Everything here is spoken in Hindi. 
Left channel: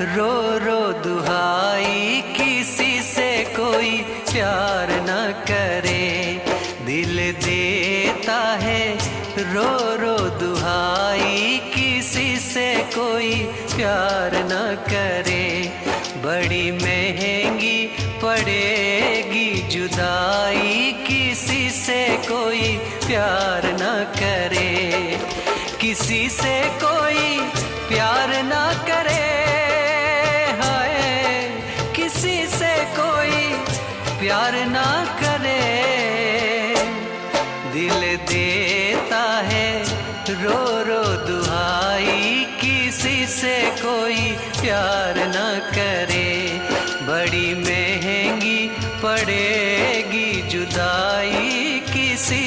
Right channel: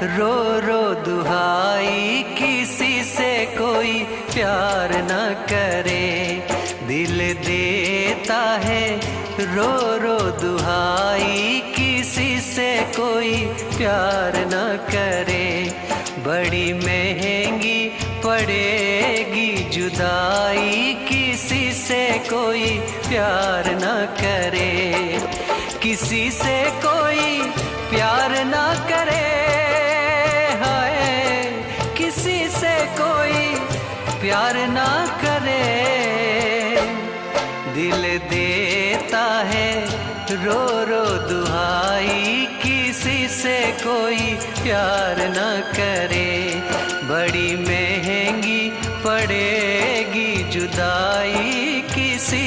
रो रो दुहाई, किसी से कोई प्यार न करे। दिल देता है रो रो दुहाई, किसी से कोई प्यार न करे। बड़ी महंगी पड़ेगी जुदाई, किसी से कोई प्यार न करे। किसी से कोई प्यार न करे, हाय किसी से कोई प्यार न करे। दिल देता है रो रो दुहाई, किसी से कोई प्यार न करे। बड़ी महंगी पड़ेगी जुदाई, किसी